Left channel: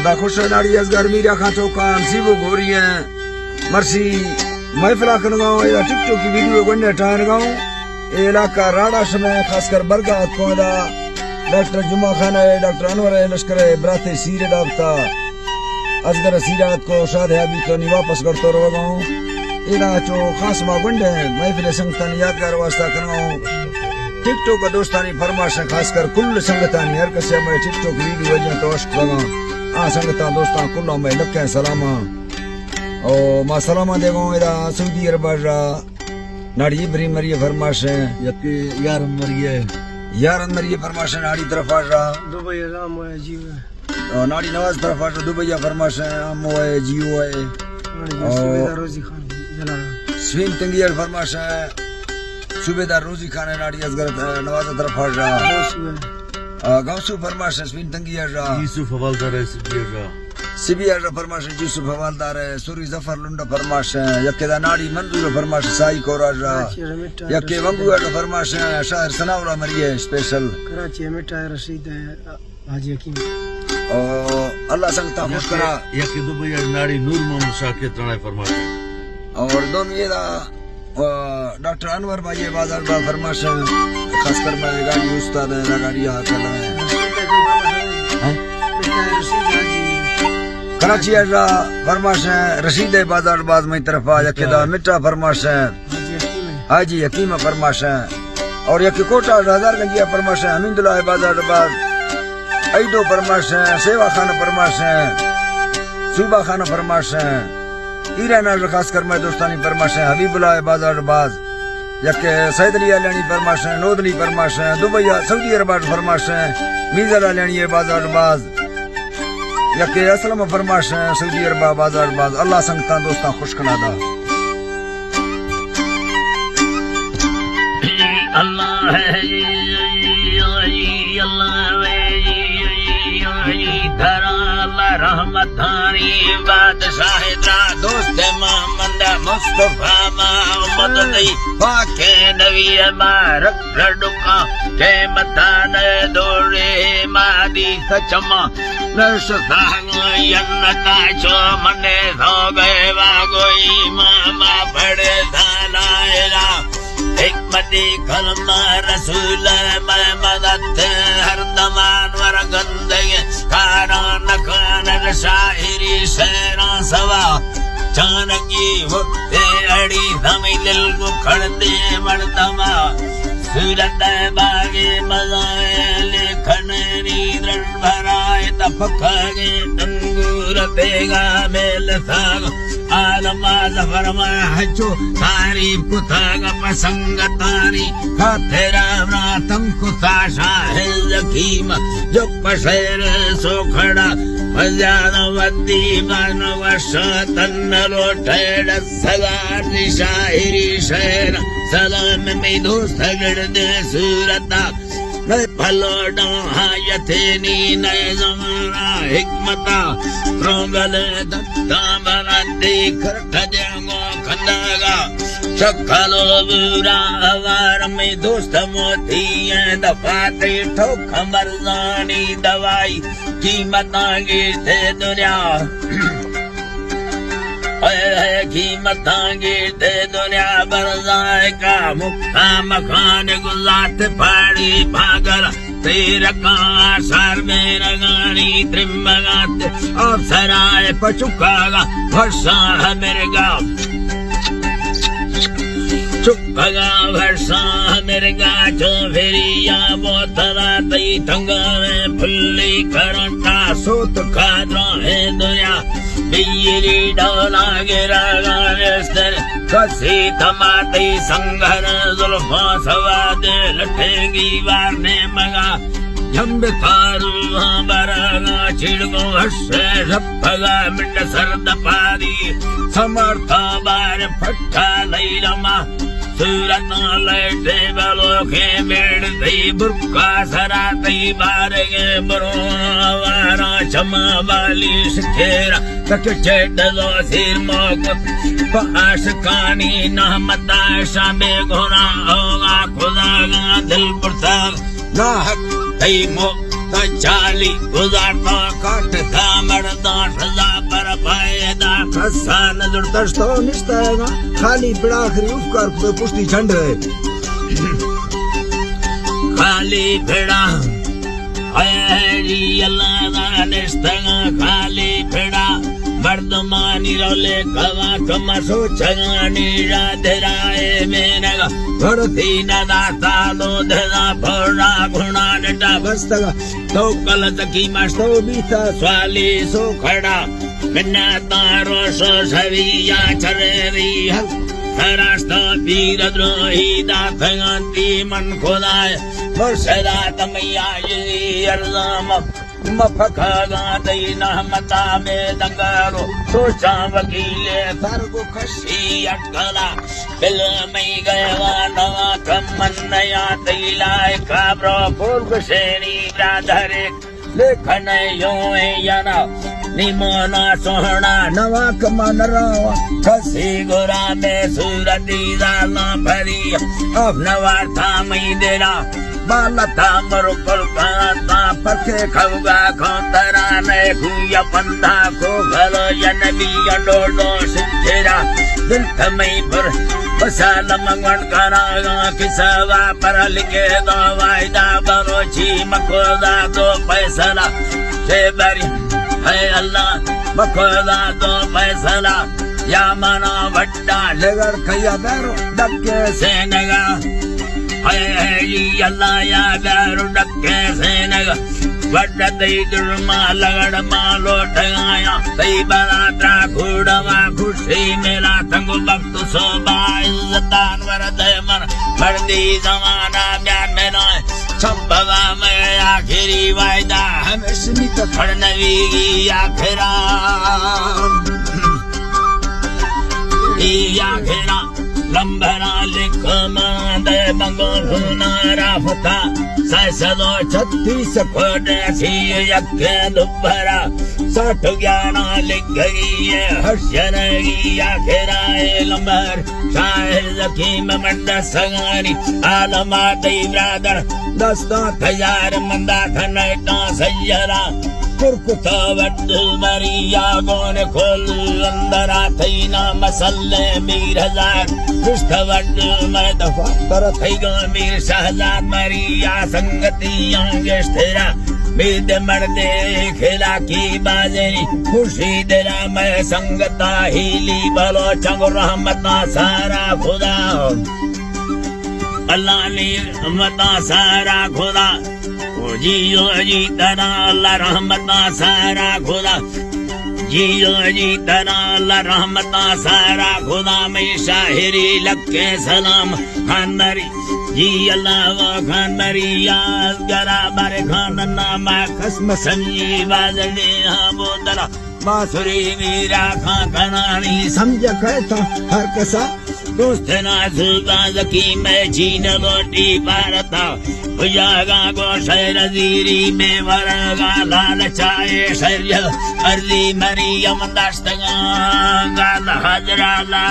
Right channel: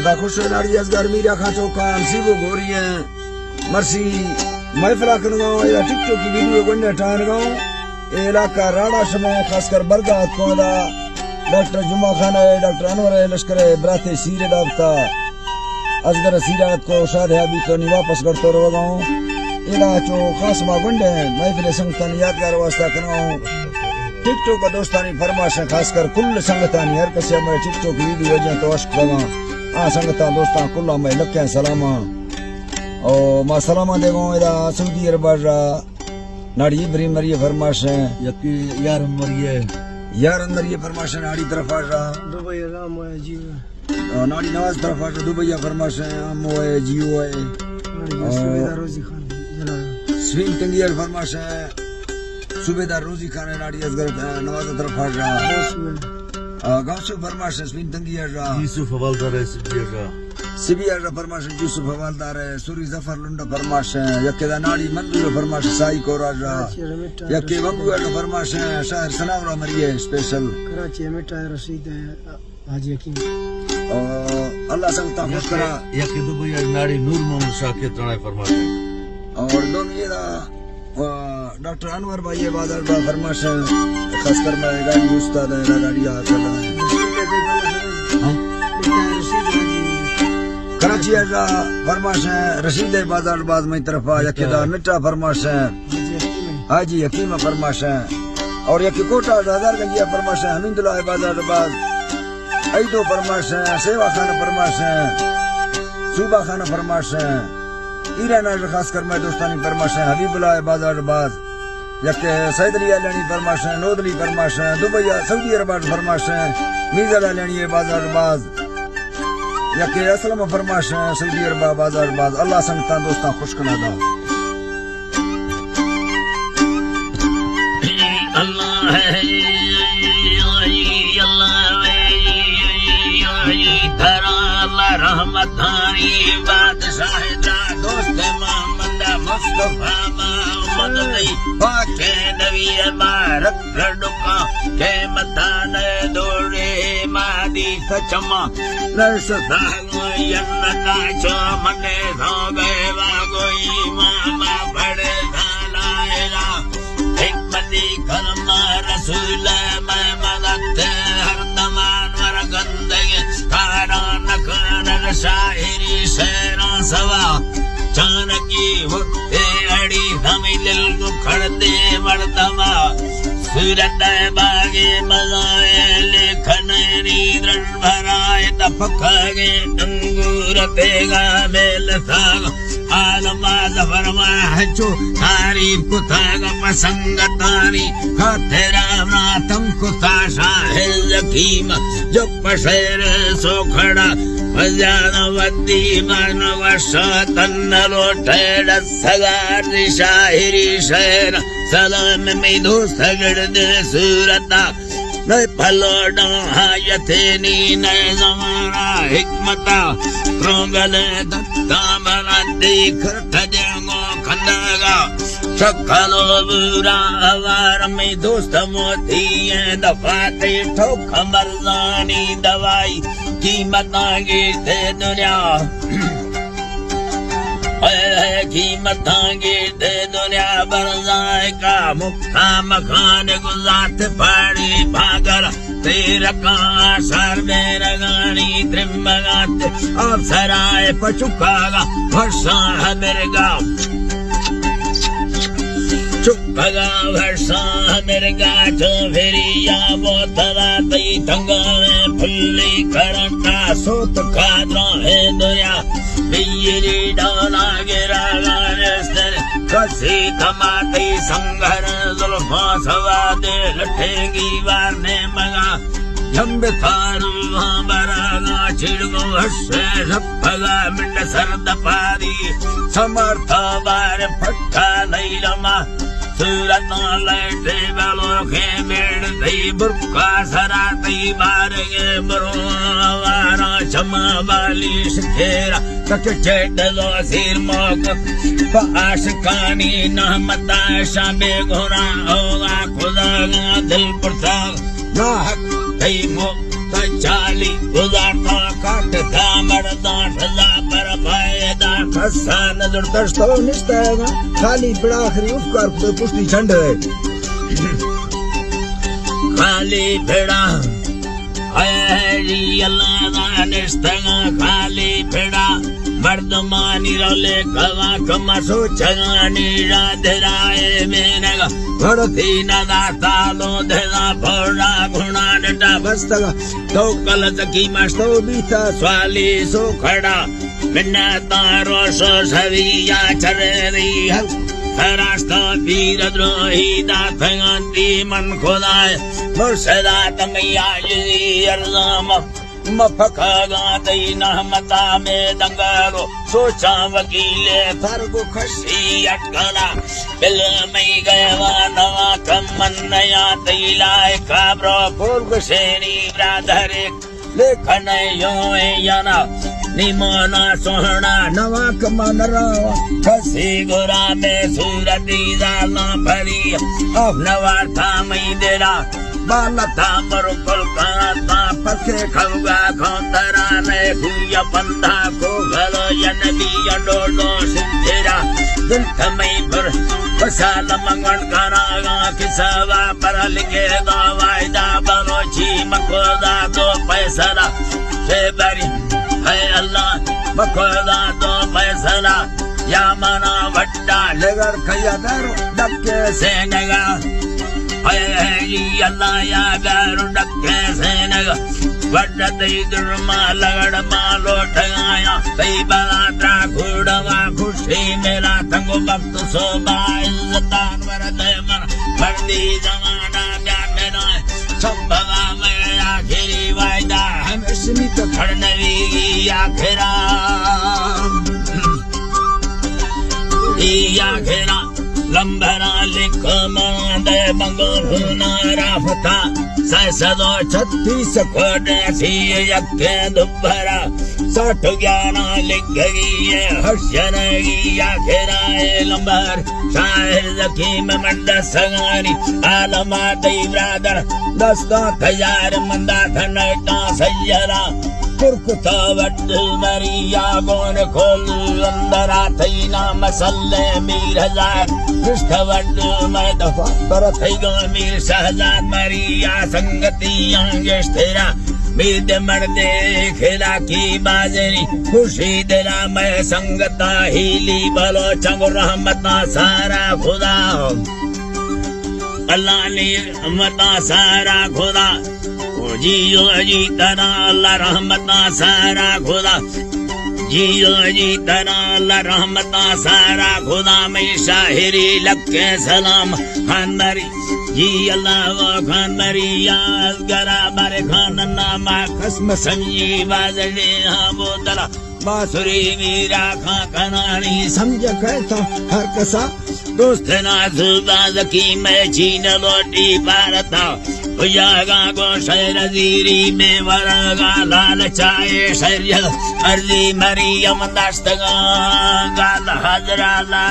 अदा खुश नाड़ी असगर मीरा खा चौका सीबो गोरियां मरसी महफिला कर गाँव या टिकटॉक की वीडियो गन्ने टान गाँव इलाका राड़ा शमा खासकर बरगात कोला डॉक्टर जुमा खाना है डॉक्टर अनवर लश्कर बराते सीरे दावता असगर सीरात को शादी करनी वापस करते रहो गाँव इला चो खास मागुंडे महफिल संगतान यादगार वास्ता कराऊं टिकटॉक का दोस्तानी फरमाश खासकर कुल संगतानी हर कसे में टिकटॉक वीडियो वजह तो अश्क लगा आ संगता दोस्तान कुल्ला में लखे सलामा ओ मा सलामा देगो इदा सऊदी अरब नाड़ी इब्री मरिए फरमाश है यकी यार मरिए फरमाश है नाड़ी तरफ आ दुबई राम है जीव नाड़ी नवाज तरफ आ दुबई फरमाश है मोए जीव है सुबेदार रोजी खान जला स्वीन तंगियर फरमाश है सुबेदार रोजी खान है नाड़ी असगर नवाज तरफ आ गांसू फरमाश है स्वीन तंगियर यूसुफ हवालदार है सीबीआर फरमाश है यूसुफ हवालदार है सूरी जफर लुंडा फरमाश है यकेदा नाड़ी मंजूर फरमाश साई कोराज यके वंगुआ फरमाश है शहर सनाउला मरिए स्पेशल कराची मिठा रशीद है हाजी हकीम अल्लाह संगता खुश करा यके दुबई नाड़ी नूर मोहम्मद शाकिर त्राणे फरमाश है और दोनों ये डॉक्टर अनवर भाई बाजार बा फरमाश खासकर मैं गाड़ी उस्ताद है गाड़ी आता है कराची अजा फरमाश है रशीद बाजार बाज में तरफ आ यकेदा मिठा फरमाश है हाजी हकीम फरमाश है और यके कोटा हजारगंजिया फरमाश है हमीदुल्लाह बाजार बाज ऐदो फरमाश है सेवा खाना फरमाश है सूबा खाना फरमाश है ईरान खासकर मैं दोस्तानी फरमाश है हबीबुल्लाह बाजार बाज यके सैद अली लेनी फरमाश है नोदली फरमाश है दुबई सऊदी अरब फरमाश है मीज़ा लेनी बाजार बाज यके असलम फरमाश है सऊदी अरब बाजार बाज अल्लाह संगता दोस्ता खुश कना दा अल्लाह है धरा अल्लाह रहमतानी बादशाह दा दोस्त मोहम्मद मुस्तफा मोहम्मद नहीं पाके नबी मारक रडुका के मतान दौड़े मादी सचमा नरसता यन्नता चो मने हो गए वागोई मामा बड़े दालाएला हिकमती करना रसूल मैं मदद हर दमान वरगंदे कारान कानन शाहिरी शेरा सवा चानकी मुट्ठे अड़ी धमी दिल मुखड़ते मर्दमा सूरत बागे मजाए लेखन नींद्रन भराए तपकागे अंगूर तेगा बेल साग आलमा जफरमा हजो तारी पुथाग पसंग तारी खतेरा रातम कुता शाहिल यकीम जो पसर सो खड़ा मजान वद्दी मन वर्ष तन्न लोटेड सदा शाहिरी शेर सलाम में दो सगड़ दे सूरता मैं फलोड़ा हायते नी न जमाना हिकमता रोगल दत्ता मरा देख ठजंगो खनेगा चखलो बुरा आवार में दोस्त मोती दफाते ठोक मरजानी दवाई कीमत आगे थे दुनिया कीमत आगे थे दुनिया बरजाए का मुक्ता मखान गुजात पड़ी भागर तेरा का सर में रगानी त्रिमगात और सराय पचुकागा वर्षा मिर्गा चुपगा वर्षा मिर्गा जो फेरिया बोतला तई तंगा में फुल्ली करंटा सूत खाद्रा है दुनिया बिजली डोला गिरा गायस्तर कसी थमाती संघर जुल्फा सवादे लठेंगी वारने मगा जंब थारू बरागा चिड़गो हर्षे रप्पगा मिंड सर्द पारी समर्था बार फट्टा लैलमा सूरत लैटे बलोखे बेड़ थई बुर्का सरा तई बारगे बरो वारा चमा वाली शिखेरा तक चेडलो सिर मोक पाश कानी नहमता शामे घोड़ा होगा खुदा का दिल पड़ता ना हक तई मो चाली गुजारता काट दामर ससा नजर दर्शतो निस्तायगा खाली पिड़ा आखिरी उपकार खुद पुष्टि छंड खाली फिड़ा अल्लाह निस्तगा खाली फिड़ा वर्धमानी रोले कवा कमा सोचगा नीरा धराए मेनगा भरती नदा कालो धरा भरा घुना डटा बस्तगा तो कल तकी मस्तो बीता स्वाली सो खड़ा बिना तारो सो सविया चरेरी हल रास्ता तीर द्रोही दाखंती मन खुदाए मुर्शदा तमैया ये अल्लाह मफखगा दैना मता में दंगारो सोचा वकीले फरगु खशी अटकला बिल मई गवा नवा कमन नया दिलाए काब्रो पूर्व श्रेणी ब्रादर लेखन यो याना निमोना सोहना नवा कमनरा खसी गोरा में सूरती दाना भरी नवा था मई देरा बालता मरुकल काता पखे खवगा खोतरा ने हुया बंदा को घर यनबी डोलो सिंधेरा दिल थमई पर बसाल मंगन करागा किसवा पर लिखे दो वायदा बरोची मकोदा दो पैसला हे बरी है अल्लाह मकोदा दो पैसला या मना वट्टा लगर खया दरो डक्के से नगा अल्लाह या दारू डक्के से नगा वड्डा दई दुर्मा लगड़ मालो ठगाया दई बरात्रा खुड़वा खुशी मेरा थंगो भक्त सोबाई दान वरद मन फर्दी जमाना में संभवा में आखिरी वायदा हम स्मित फड़नवी आखिरा आखिरा लंबरा लिख मांदे मंगल नारा फता सैसदो 36 खोटे सी यक्के दुब्बरा 60 11 लिख गई है हर्षन आखिरा लंबर शाहिर जकीम मंद सगारी आलमा दई ब्रादर 10,000 मंदा थनैटा सैयरा कुरकुता वड्ड मरिया गोन खोलू अंबरा थईना मसल्ले मीर हजार दुष्ट वड्ड मैं दफा पर थईगा मीर सहजाद मरिया संगति आंगे स्थिरा बीद मर्दे खिला की बाजरी खुशी दिला मैं संगता हीली बलो चंग रहमता सारा खुदा अल्लाह ने रहमता सारा खुदा जियो जी तना अल्लाह रहमता सारा खुदा जियो जी तना अल्लाह रहमता सारा खुदा में शाहिरी लक्के सलाम खानदारी जी अल्लाह व खानदारी याद गरा बारे खान नामा खस्म संजी बाजने हाँ बोतला बासुरी मीरा खा कनानी समझ कहता हर कसा दोस्त नाजुका जकी में चीन रोटी पारता भुजागा गो शहर जीरी में वरगा लाल चाय सैयद अर्जी मरियम दस्तगा गाल हजरा ला